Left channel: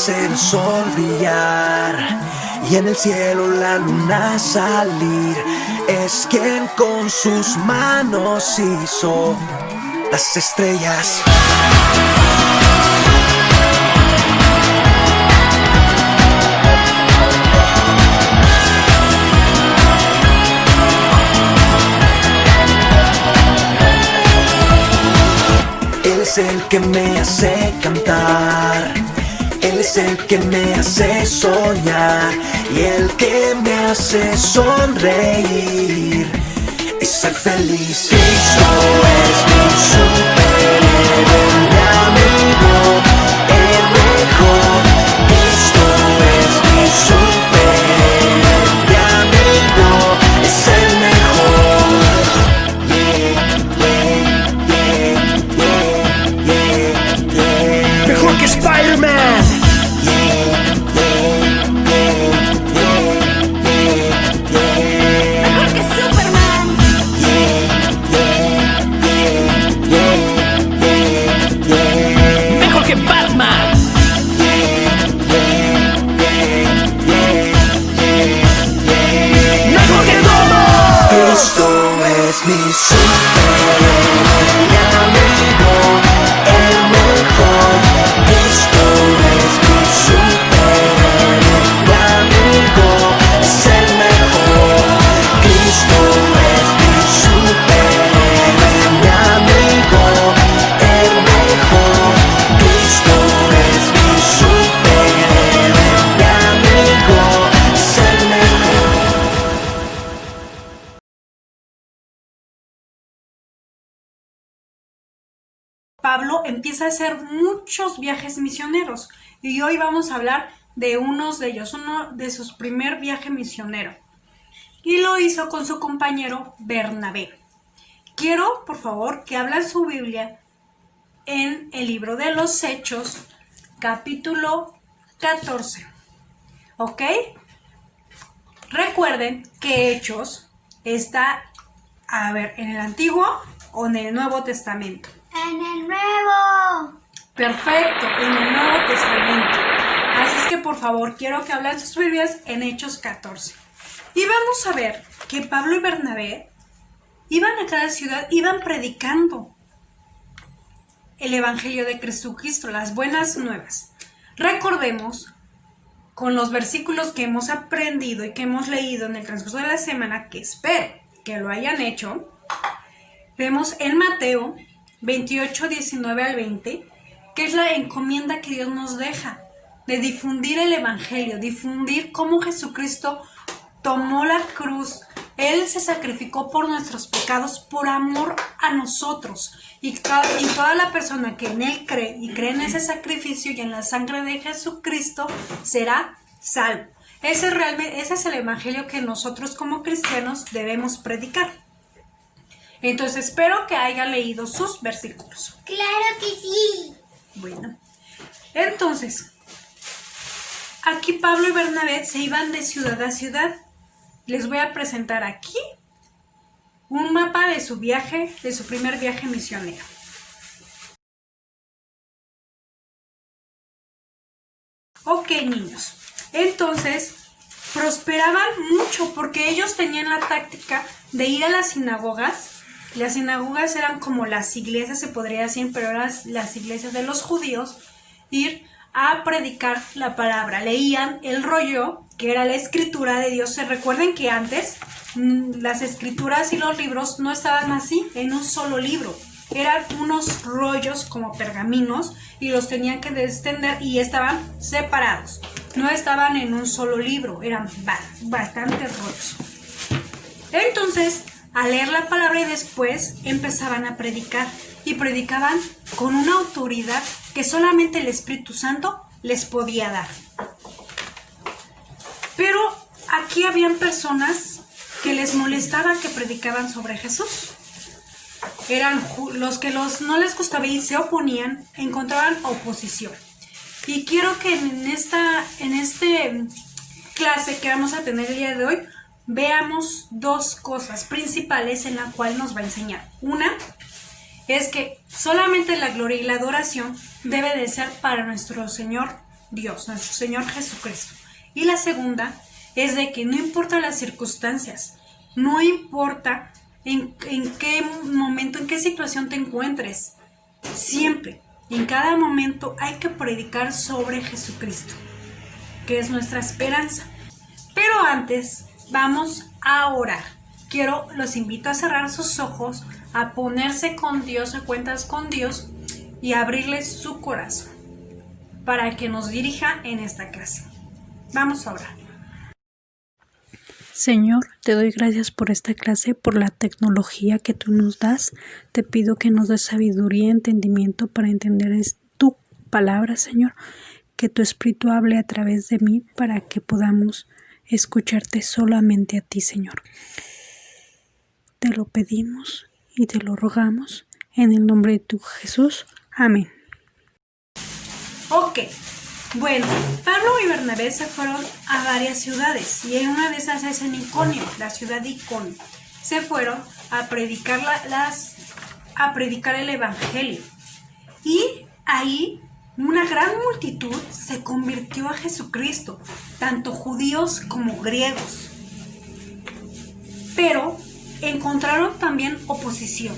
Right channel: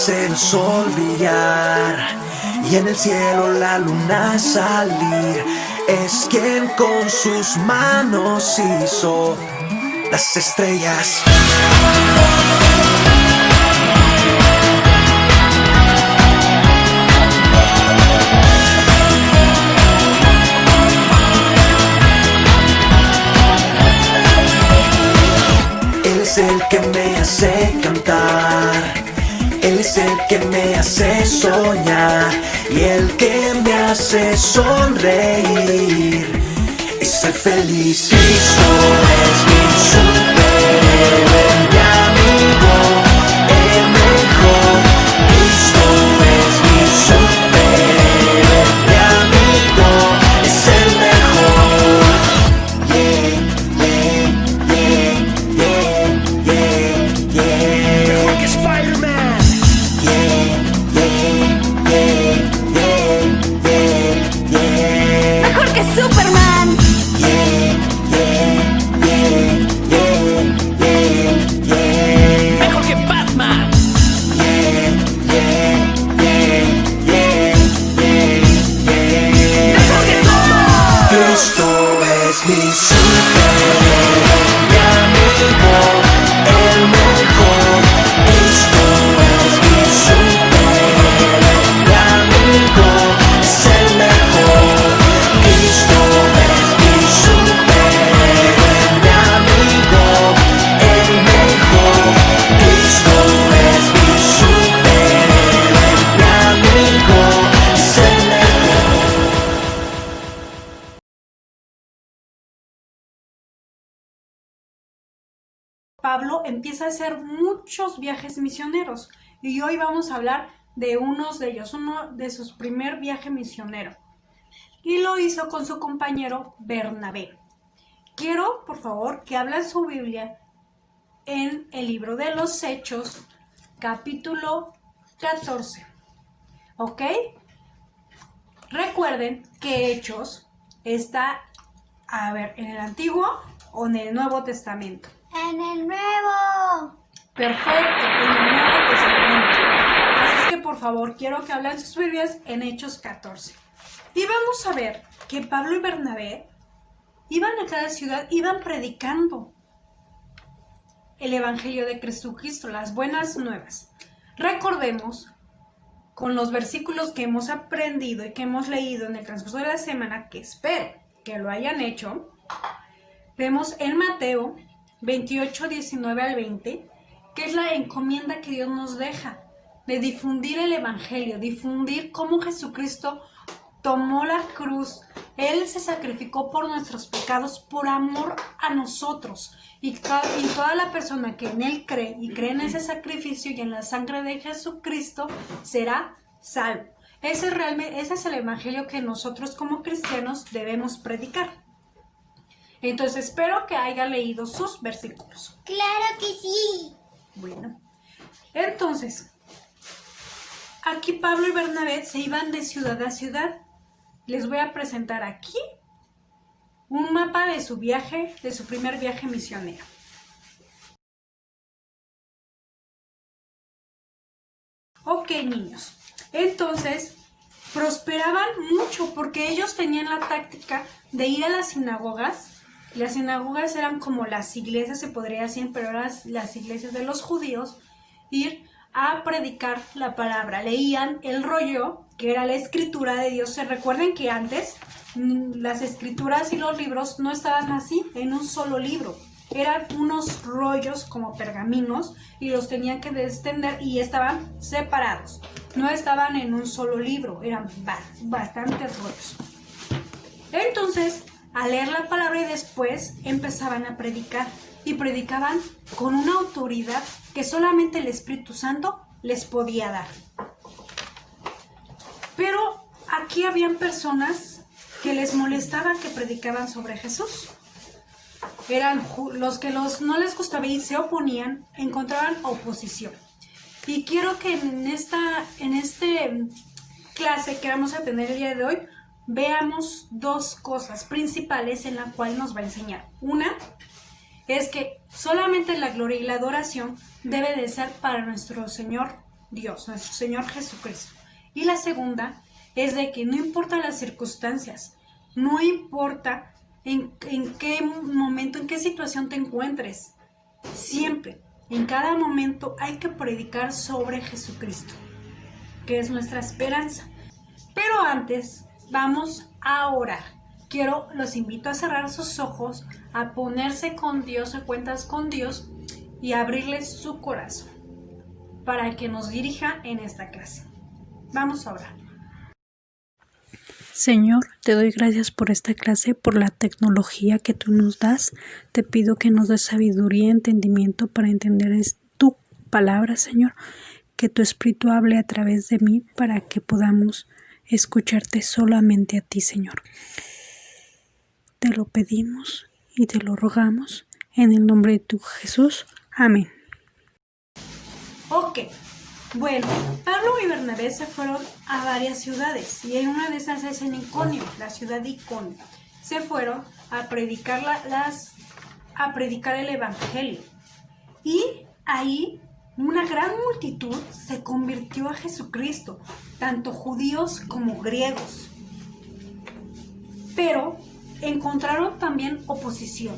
ves el sol brillar y en el cielo la luna salir. Es quien con sus manos hizo las estrellas. Él es el que me hace cantar, Él es el que me hace soñar y el que me hace sonreír y ser feliz. Cristo es mi superhéroe, mi amigo, el mejor. Cristo es mi superhéroe, mi amigo, es el mejor. Yeah, yeah, yeah, yeah, yeah, yeah. Mejor que Spider-Man. Mejor que Superman. Mejor que Batman. Mejor que todo. Cristo es mi superhéroe, mi amigo, el mejor. Cristo es mi superhéroe, mi amigo, es el mejor. Cristo es mi superhéroe, mi amigo, el mejor. Cristo es mi superhéroe, mi amigo, es el mejor. Pablo empieza a hacer muchos viajes misioneros y hoy vamos a hablar de uno de ellos, uno de sus primer viaje misionero, y lo hizo con su compañero Bernabé. Quiero, por favor, que abran su Biblia en el libro de los Hechos, capítulo 14, ¿ok? Recuerden que Hechos está, en el Antiguo o en el Nuevo Testamento. En el nuevo. Perfecto, en el Nuevo Testamento. Así es que por favor quiero que hablen sus Biblias en Hechos 14. Y vamos a ver que Pablo y Bernabé iban a cada ciudad, iban predicando el Evangelio de Jesucristo, las buenas nuevas. Recordemos con los versículos que hemos aprendido y que hemos leído en el transcurso de la semana, que espero que lo hayan hecho. Vemos en Mateo 28, 19 al 20, que es la encomienda que Dios nos deja de difundir el Evangelio, difundir cómo Jesucristo tomó la cruz, Él se sacrificó por nuestros pecados, por amor a nosotros, y toda la persona que en Él cree y cree en ese sacrificio y en la sangre de Jesucristo será salvo. Ese es el Evangelio que nosotros como cristianos debemos predicar. Entonces espero que hayan leído sus versículos. Claro que sí. Bueno, entonces, aquí Pablo y Bernabé se iban de ciudad a ciudad. Les voy a presentar aquí un mapa de su viaje, de su primer viaje misionero. Ok, niños, entonces prosperaban mucho porque ellos tenían la táctica de ir a las sinagogas. Las sinagogas eran como las iglesias, se podría decir, pero eran las iglesias de los judíos, ir a predicar la palabra. Leían el rollo, que era la escritura de Dios. Se recuerden que antes las escrituras y los libros no estaban así, en un solo libro. Eran unos rollos como pergaminos y los tenían que extender y estaban separados. No estaban en un solo libro, eran bastantes rollos. Entonces, a leer la palabra y después empezaban a predicar y predicaban con una autoridad que solamente el Espíritu Santo les podía dar. Pero aquí habían personas que les molestaba que predicaban sobre Jesús. Eran los que no les gustaba y se oponían, encontraban oposición. Y quiero que en esta clase que vamos a tener el día de hoy veamos dos cosas principales en la cual nos va a enseñar. Una es que solamente la gloria y la adoración debe de ser para nuestro Señor Dios, nuestro Señor Jesucristo. Y la segunda es de que no importa las circunstancias, no importa en qué momento, en qué situación te encuentres, siempre, en cada momento hay que predicar sobre Jesucristo, que es nuestra esperanza. Pero antes vamos a orar. Los invito a cerrar sus ojos, a ponerse con Dios, a cuentas con Dios y a abrirles su corazón para que nos dirija en esta clase. Vamos a orar. Señor, te doy gracias por esta clase, por la tecnología que tú nos das. Te pido que nos des sabiduría y entendimiento para entender tu palabra, Señor. Que tu Espíritu hable a través de mí para que podamos escucharte solamente a ti, Señor. Te lo pedimos y te lo rogamos en el nombre de tu Jesús. Amén. Ok, bueno, Pablo y Bernabé se fueron a varias ciudades y en una de esas es en Iconio, la ciudad de Iconio. Se fueron a predicar el evangelio y ahí una gran multitud se convirtió a Jesucristo, tanto judíos como griegos. Pero encontraron también oposición,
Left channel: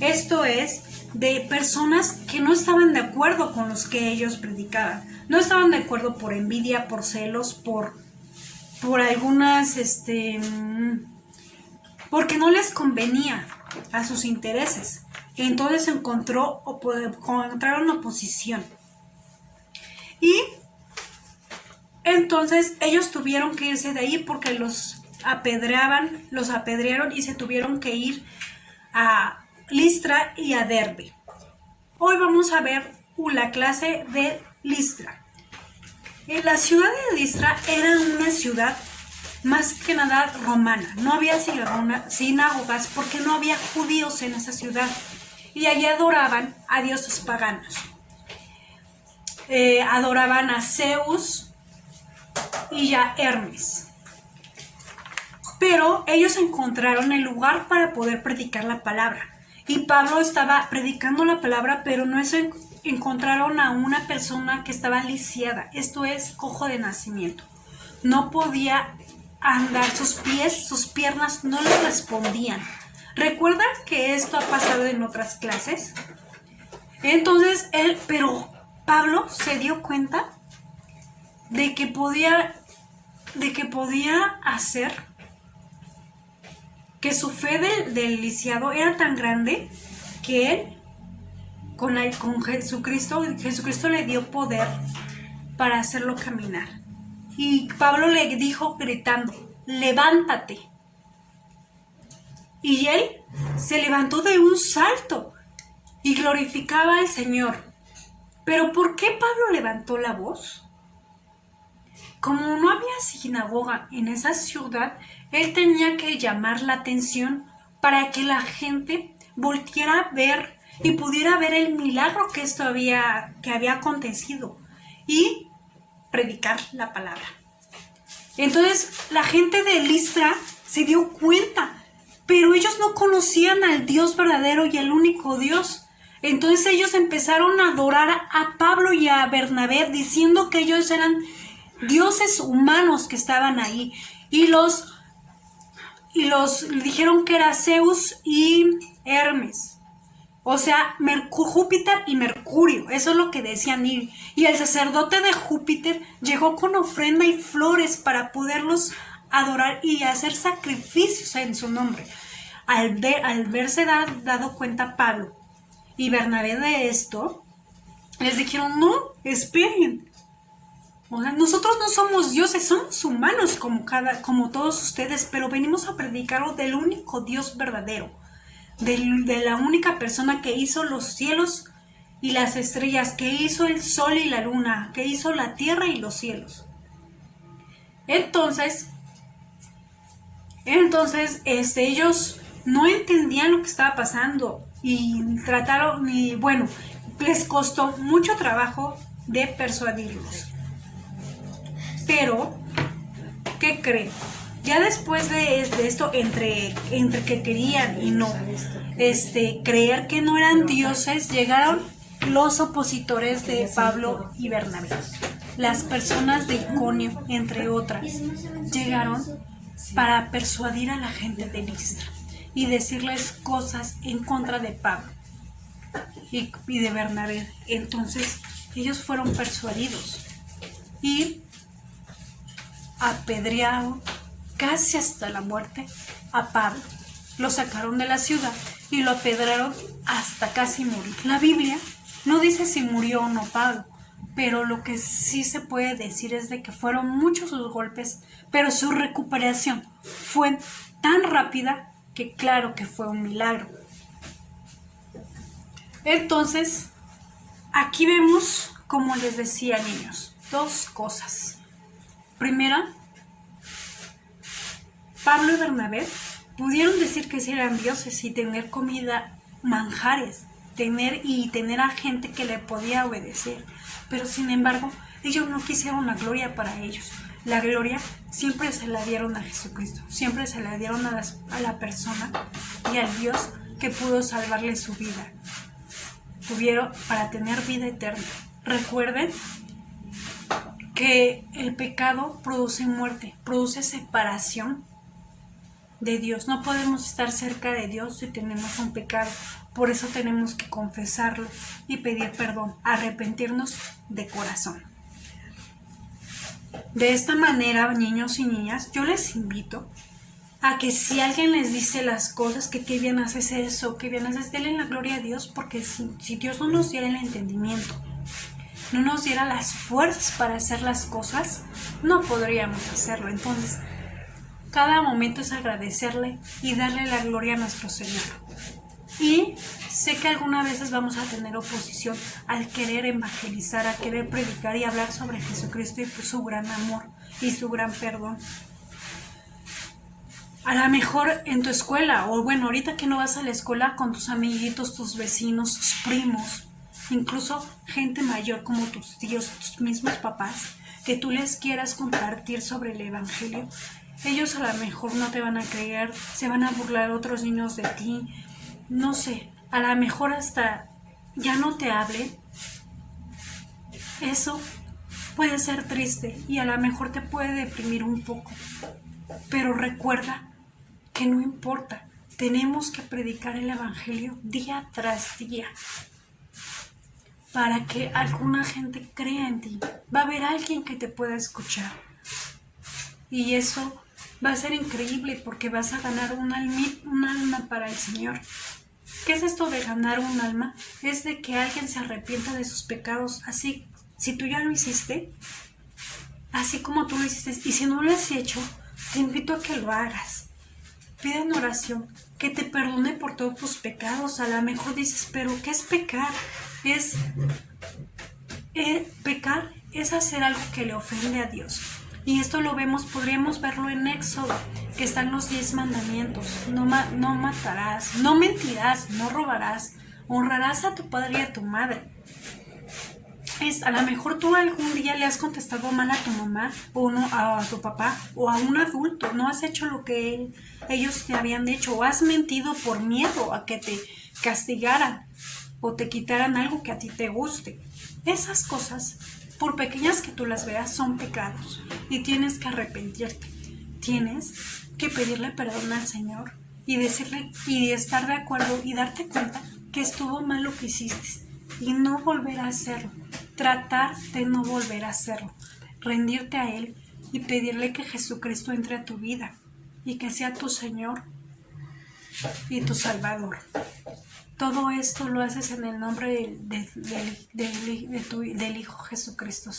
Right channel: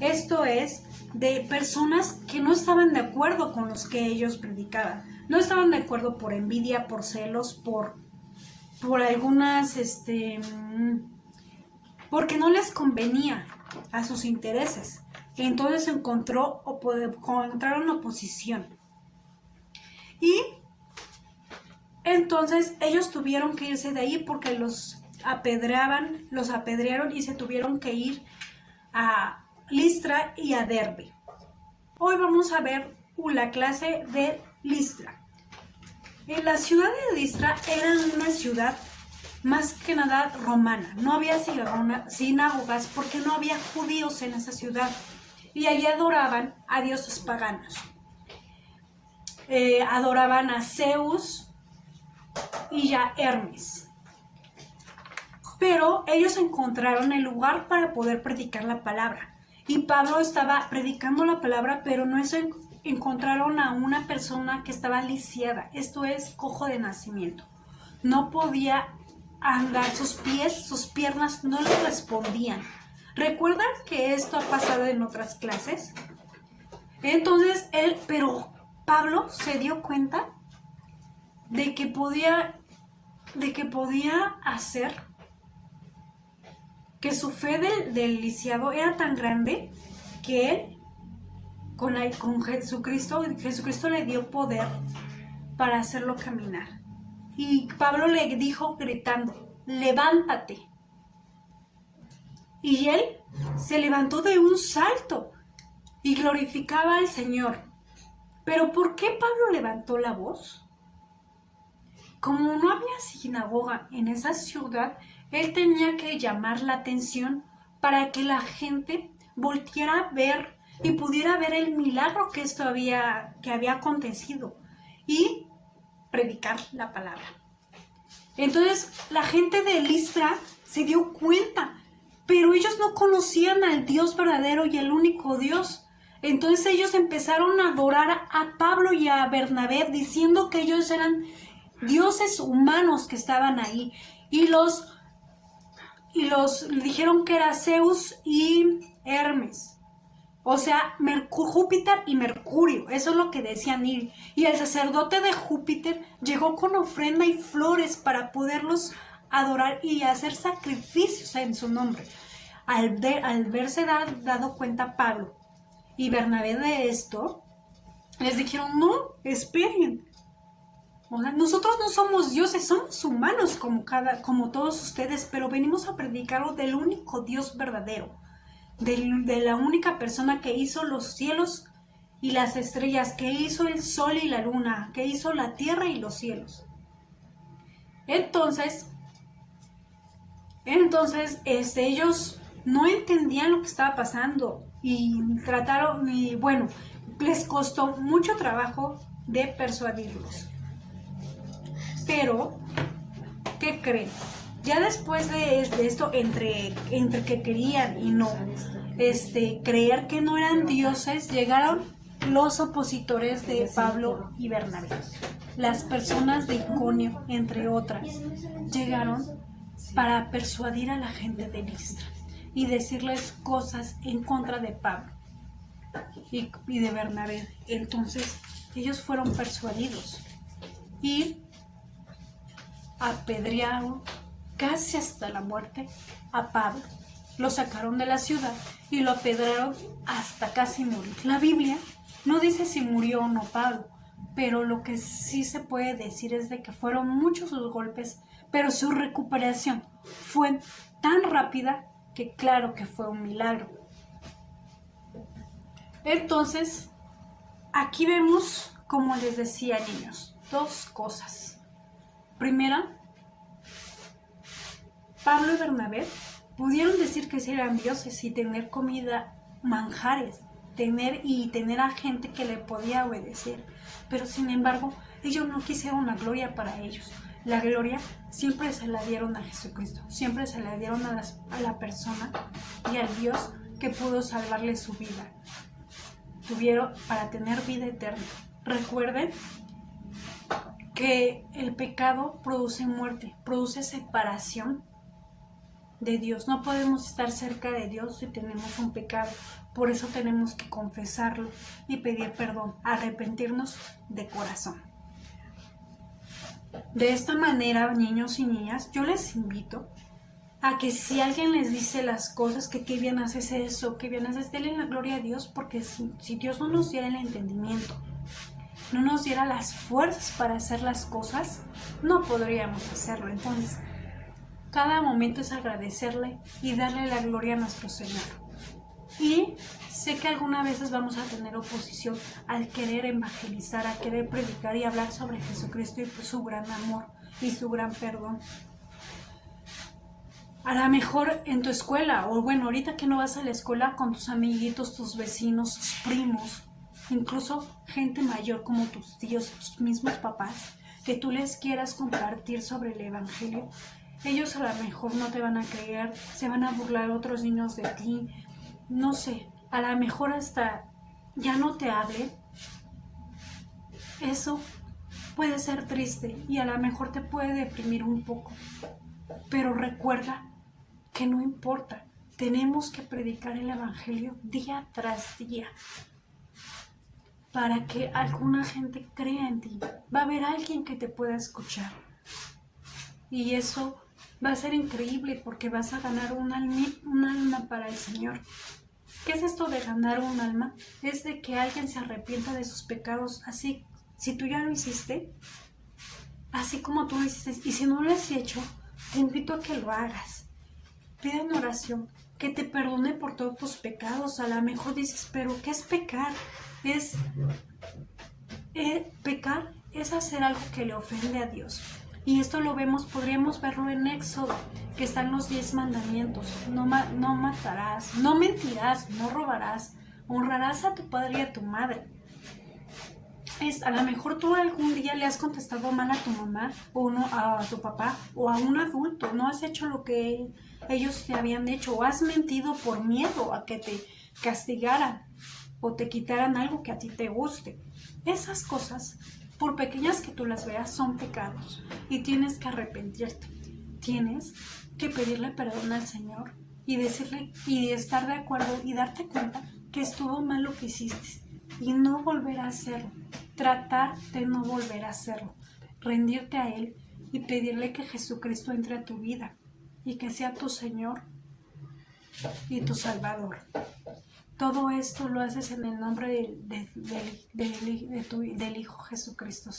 esto es, de personas que no estaban de acuerdo con los que ellos predicaban. No estaban de acuerdo por envidia, por celos, por algunas, porque no les convenía a sus intereses. Entonces encontraron oposición. Y entonces ellos tuvieron que irse de ahí porque los apedrearon y se tuvieron que ir a Listra y a Derbe. Hoy vamos a ver la clase de Listra. La ciudad de Listra era una ciudad más que nada romana. No había sinagogas porque no había judíos en esa ciudad. Y allí adoraban a dioses paganos. Adoraban a Zeus y a Hermes. Pero ellos encontraron el lugar para poder predicar la palabra. Y Pablo estaba predicando la palabra, pero no encontraron a una persona que estaba lisiada, esto es, cojo de nacimiento. No podía andar, sus piernas no le respondían. ¿Recuerdan que esto ha pasado en otras clases? Entonces, pero Pablo se dio cuenta de que podía hacer que su fe del lisiado era tan grande que él, con Jesucristo le dio poder para hacerlo caminar. Y Pablo le dijo gritando, levántate. Y él se levantó de un salto y glorificaba al Señor. ¿Pero por qué Pablo levantó la voz? Como no había sinagoga en esa ciudad, él tenía que llamar la atención para que la gente volteara a ver y pudiera ver el milagro que había acontecido y predicar la palabra. Entonces la gente de Listra se dio cuenta, pero ellos no conocían al Dios verdadero y el único Dios. Entonces ellos empezaron a adorar a Pablo y a Bernabé diciendo que ellos eran dioses humanos que estaban ahí y los dijeron que era Zeus y Hermes, o sea, Júpiter y Mercurio, eso es lo que decían. Y el sacerdote de Júpiter llegó con ofrenda y flores para poderlos adorar y hacer sacrificios en su nombre. Al verse dado cuenta Pablo y Bernabé de esto, les dijeron, no, esperen. O sea, nosotros no somos dioses, somos humanos como todos ustedes, pero venimos a predicarlo del único Dios verdadero, de la única persona que hizo los cielos y las estrellas, que hizo el sol y la luna, que hizo la tierra y los cielos. Entonces ellos no entendían lo que estaba pasando y les costó mucho trabajo de persuadirlos. Pero, ¿qué creen? Ya después de esto, entre que querían y no creer que no eran dioses, llegaron los opositores de Pablo y Bernabé. las personas de Iconio, entre otras, llegaron para persuadir a la gente de Listra y decirles cosas en contra de Pablo y de Bernabé. Entonces ellos fueron persuadidos y apedrearon casi hasta la muerte a Pablo. Lo sacaron de la ciudad y lo apedrearon hasta casi morir. La Biblia no dice si murió o no Pablo, pero lo que sí se puede decir es de que fueron muchos sus golpes, pero su recuperación fue tan rápida que claro que fue un milagro. Entonces, aquí vemos, como les decía, niños, dos cosas. Primera, Pablo y Bernabé pudieron decir que sí eran dioses y tener comida, manjares, tener a gente que le podía obedecer, pero sin embargo ellos no quisieron la gloria para ellos. La gloria siempre se la dieron a Jesucristo, siempre se la dieron a la persona y al Dios que pudo salvarle su vida. Tuvieron para tener vida eterna. Recuerden que el pecado produce muerte, produce separación de Dios. No podemos estar cerca de Dios si tenemos un pecado. Por eso tenemos que confesarlo y pedir perdón, arrepentirnos de corazón. De esta manera, niños y niñas, yo les invito a que si alguien les dice las cosas, que qué bien haces eso, qué bien haces, denle la gloria a Dios, porque si Dios no nos diera el entendimiento, no nos diera las fuerzas para hacer las cosas, no podríamos hacerlo. Entonces, cada momento es agradecerle y darle la gloria a nuestro Señor. Y sé que algunas veces vamos a tener oposición al querer evangelizar, a querer predicar y hablar sobre Jesucristo y su gran amor y su gran perdón. A lo mejor en tu escuela, o bueno, ahorita que no vas a la escuela, con tus amiguitos, tus vecinos, tus primos, incluso gente mayor como tus tíos, tus mismos papás, que tú les quieras compartir sobre el evangelio, ellos a lo mejor no te van a creer, se van a burlar otros niños de ti, no sé, a lo mejor hasta ya no te hablen. Eso puede ser triste y a lo mejor te puede deprimir un poco, pero recuerda que no importa, tenemos que predicar el evangelio día tras día para que alguna gente crea en ti. Va a haber alguien que te pueda escuchar y eso va a ser increíble porque vas a ganar un alma para el Señor. ¿Qué es esto de ganar un alma? Es de que alguien se arrepienta de sus pecados, así, si tú ya lo hiciste, así como tú lo hiciste, y si no lo has hecho, te invito a que lo hagas. Pide en oración que te perdone por todos tus pecados. A lo mejor dices, pero ¿qué es pecar? Pecar es hacer algo que le ofende a Dios. Y esto podríamos verlo en Éxodo, que están los 10 mandamientos. No matarás, no mentirás, no robarás, honrarás a tu padre y a tu madre. A lo mejor tú algún día le has contestado mal a tu mamá o no, a tu papá o a un adulto, no has hecho lo que ellos te habían hecho o has mentido por miedo a que te castigaran o te quitaran algo que a ti te guste. Esas cosas, por pequeñas que tú las veas, son pecados y tienes que arrepentirte. Tienes que pedirle perdón al Señor y decirle y estar de acuerdo y darte cuenta que estuvo mal lo que hiciste y no volver a hacerlo. Tratar de no volver a hacerlo, rendirte a Él y pedirle que Jesucristo entre a tu vida y que sea tu Señor y tu Salvador. Todo esto lo haces en el nombre del Hijo Jesucristo.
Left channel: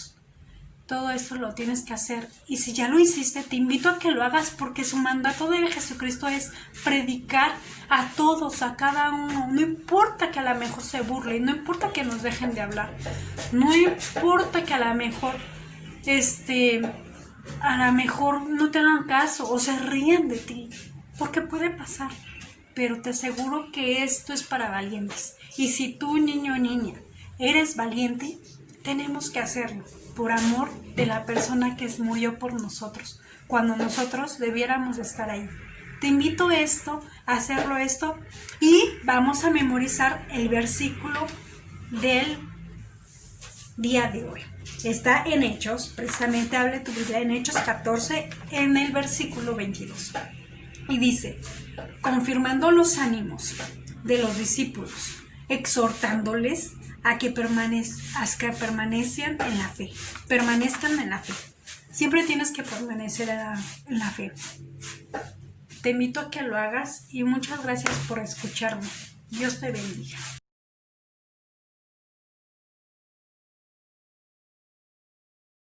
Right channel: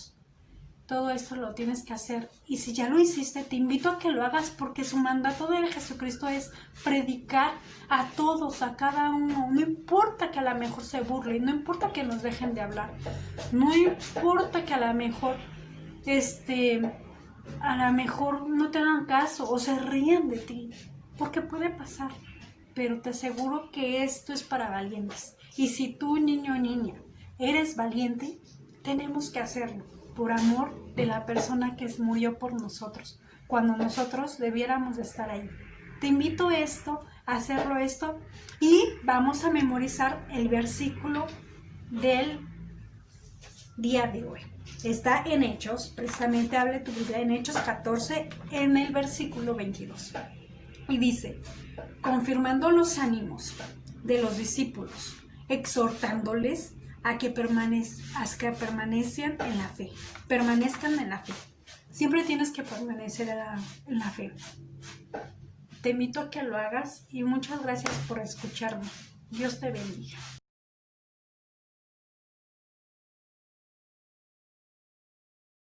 Todo esto lo tienes que hacer y si ya lo hiciste, te invito a que lo hagas porque su mandato de Jesucristo es predicar a todos, a cada uno. No importa que a lo mejor se burlen, no importa que nos dejen de hablar, no importa que a lo mejor no te hagan caso o se ríen de ti, porque puede pasar, pero te aseguro que esto es para valientes. Y si tú, niño o niña, eres valiente, tenemos que hacerlo por amor de la persona que murió por nosotros, cuando nosotros debiéramos estar ahí. Te invito a hacerlo y vamos a memorizar el versículo del día de hoy. Está en Hechos, precisamente habla tu Biblia en Hechos 14, en el versículo 22. Y dice, confirmando los ánimos de los discípulos, exhortándoles a que permanezcan en la fe. Permanezcan en la fe. Siempre tienes que permanecer en la fe. Te invito a que lo hagas y muchas gracias por escucharme. Dios te bendiga.